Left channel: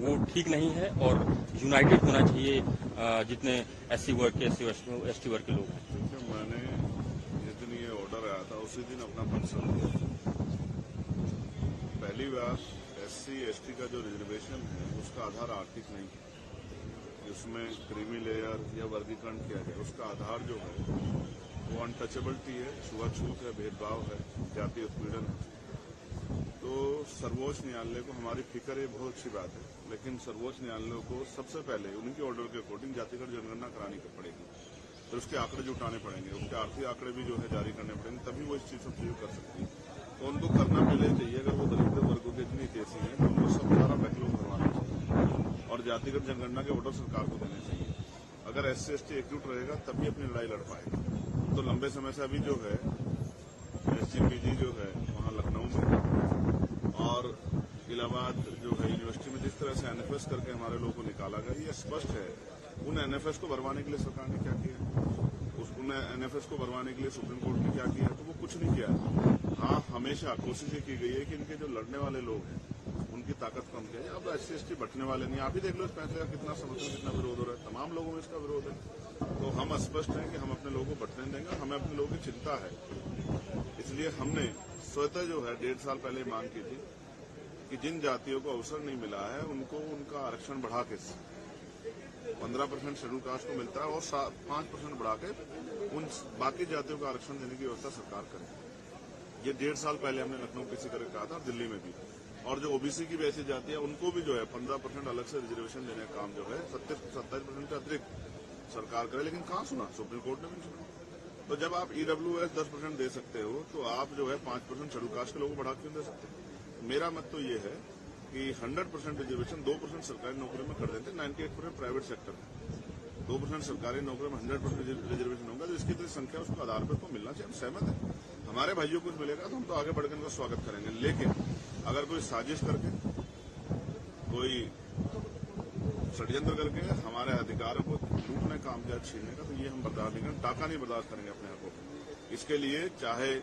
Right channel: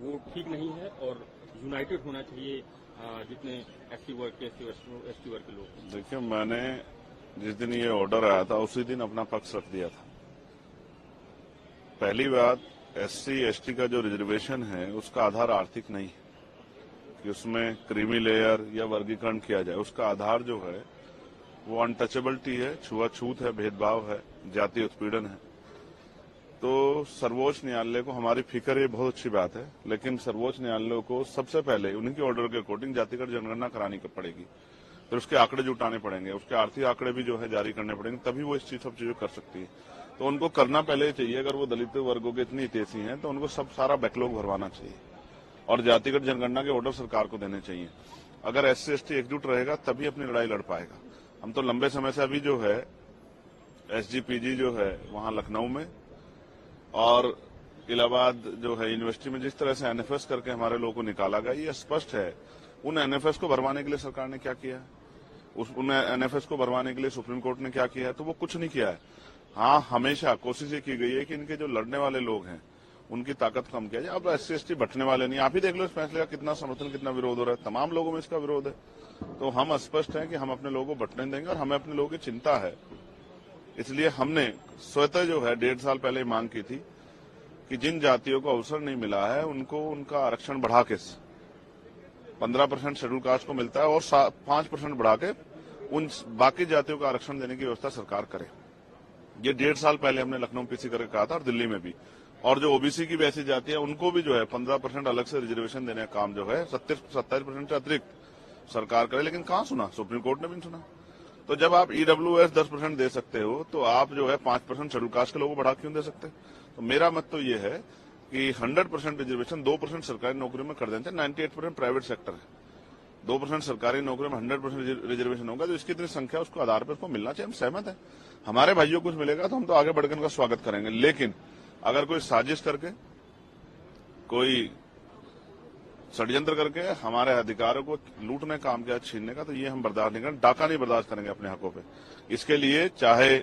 वो ठीक नहीं है और यूनाइटेड होना चाहिए जितने एससी वर्ग के एसटी वर्ग के लोग हैं। देखिए, मैंने जिस दिन ये ऑर्डर आया था उसी दिन अपना पक्ष रख दिया था। पहली बात, एससी एसटी का जो रिजर्वेशन है उसका आधार आर्थिक नहीं है कि उसमें क्रीमी लेयर या वर्गीकरण किया जाए। उसका आधार जो है वो अनटचेबिलिटी है, छुआछूत है, भेदभाव है, जातीय उत्पीड़न है। तो सर्वोच्च न्यायालय को हमारी फिक्र, ये बहुत अच्छी बात है, लेकिन सर्वोच्च न्यायालय को सबसे पहले उन्हीं के ऑर्डर के अकॉर्डिंग जातिगत जनगणना करानी पड़ेगी। फिर उसके आंकड़े जुटाने पड़ेंगे, उसके आर्थिक आंकड़े भी जो है जारी करने पड़ेंगे, तभी वो सब चीजें कर सकती है। तो उनको करना पहले ही चाहिए। अगर वो दलित वर्गों के इतनी हितैषी हैं तो उनको सब सारा बैकलॉग भरवाना चाहिए और जातिगत जनगणना के ऑर्डर सरकार को देने चाहिए। अगर एससी एसटी एकजुट रहेगा तभी अपनी लड़ाई लड़ पाएगा। हम तो लंबे समय से अभी जो है एसजीपीजी जो है वहां लखनऊ में और इलाहाबाद जो है यूनिवर्सिटी में जिस तरह से एनएफएस करके हमारे लोगों को निकाला गया, ये स्पष्ट है उन एनएफएस को भरवाने के लिए सरकार ने क्या किया है, उन एनएफएस को भरवाने के लिए सुप्रीम कोर्ट ने क्या किया है, तो वो कुछ नहीं किया है। हाँ, हमेशा कोशिश ये की गई है कि इनके जो लड़ने वाले लोग हैं उनकी ताकत कम किया जाए। अब एससी एसटी बटने वाले नहीं, आप ही देख लो इस फैसले का कितना समर्थन, कितना विरोध हो रहा है, तमाम लोगों में इसका विरोध है। तो हम स्पष्ट है कि हम अपने लोगों को बटने देंगे और हमें अपने लोगों की चिंता है। इसलिए हमने स्वतः जो है 1.5 साल पहले मांग की थी कि जिन जातियों को अवसर नहीं मिला है उनको उनका आरक्षण बढ़ा के 15% शेड्यूल कास्ट को मिलता है और 5% बढ़ा के उन बाकी जातियों को आरक्षण देने की व्यवस्था सरकार करे। ये 1.5 साल पहले हमने लखनऊ पीसी करके कहा था और दिल्ली में भी। और जो ओबीसी की वैसी जाति है उनको भी जो है 15% अलग से रिजर्वेशन देने का काम जो है 27% से अतिरिक्त सरकार करे, लेकिन कहाँ सुना, सुप्रीम कोर्ट ने भी नहीं सुना। तो जब आप ईडब्ल्यूएस 10% दे सकते हो तो आप जो है 5% शेड्यूल कास्ट के लोगों को बढ़ा क्यों दे सकते? तो मेरा मत तो ये है कि 100% रिजर्वेशन 2% सरकारी नौकरी में कर देते, 98% प्राइवेट सेक्टर है, 2% सरकारी नौकरी में 100% रिजर्वेशन होगा, तो इसकी इतनी संख्या उसको आधार पर उसको मिलना चाहिए। हम सहमत हैं, हमारे भाइयों को कुछ मिलेगा तो हम तो आगे बढ़कर उनका स्वागत करेंगे। लेकिन अगर कोई साजिश करके, कोई षड्यंत्र करके हमारे अधिकारों को लूटने का काम किया, छीनने का, तो ये हम बर्दाश्त नहीं करेंगे। डाका नहीं बर्दाश्त करेंगे अपने हकों पे। इसके लिए चाहे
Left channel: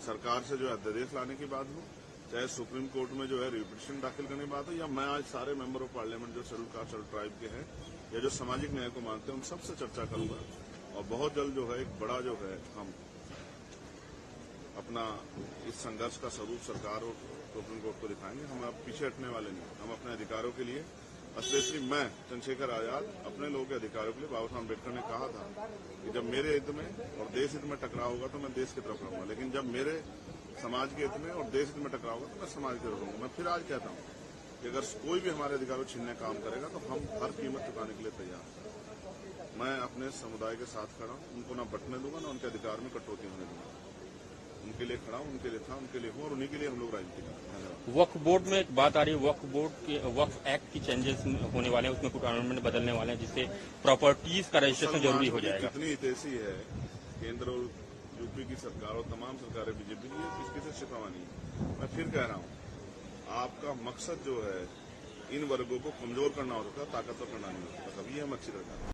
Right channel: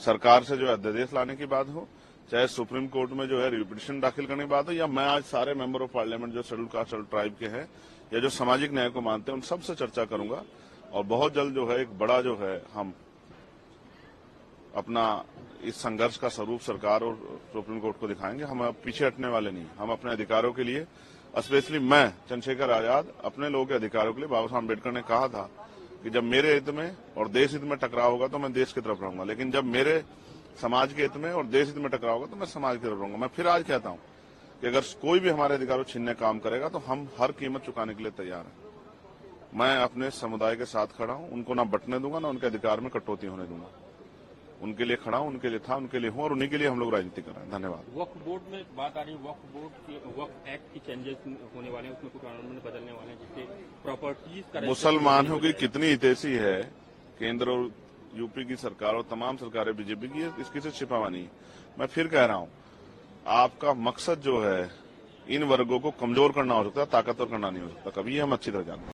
सरकार से जो है अध्यादेश लाने की बात हो, चाहे सुप्रीम कोर्ट में जो है रिपिटिशन दाखिल करने की बात हो, या मैं आज सारे मेंबर ऑफ पार्लियामेंट जो शेड्यूल कास्ट शेड्यूल ट्राइब के हैं या जो सामाजिक न्याय को मानते हैं उन सबसे चर्चा करूंगा और बहुत जल्द जो है एक बड़ा जो है हम अपना इस संघर्ष का स्वरूप सरकार और सुप्रीम कोर्ट को दिखाएंगे। हम अब पीछे हटने वाले नहीं। हम अपने अधिकारों के लिए, स्पेशली मैं चंद्रशेखर आजाद, अपने लोगों के अधिकारों के लिए, बाबा साहब अम्बेडकर ने कहा था कि जब मेरे हित में और देश हित में टकराव होगा तो मैं देश की तरफ रहूंगा, लेकिन जब मेरे समाज के हित में और देश हित में टकराव होगा तो मैं समाज की तरफ रहूंगा। मैं फिर आज कहता हूं कि अगर कोई भी हमारे अधिकारों छीनने का काम करेगा तो हम हर कीमत चुकाने के लिए तैयार हैं। मैं अपने समुदाय के साथ खड़ा हूं, उनको ना बंटने दूंगा, ना उनके अधिकार में कटौती होने दूंगा। उनके लिए खड़ा हूं, उनके लिए था, उनके लिए हूं और उन्हीं के लिए हम लोग राजनीति कर रहे हैं। धन्यवाद। वक्फ बोर्ड में एक बात आ रही है, वक्फ बोर्ड के वक्फ एक्ट की चेंजेस होने वाले हैं, उसमें कुछ अमेंडमेंट बदलने वाले हैं जिससे प्रॉपर्टीज का मुसलमानों की कितनी हितैषी है केंद्र और यूपी की सरकार और तमाम सरकारें बीजेपी की, इसकी से छिपावा नहीं। मैं फिर कह रहा हूं, आपका मकसद जो है इन वर्गों को कमजोर करना हो सकता है, ताकतवर करना नहीं हो सकता। कभी हम अच्छी तरह जानते हैं।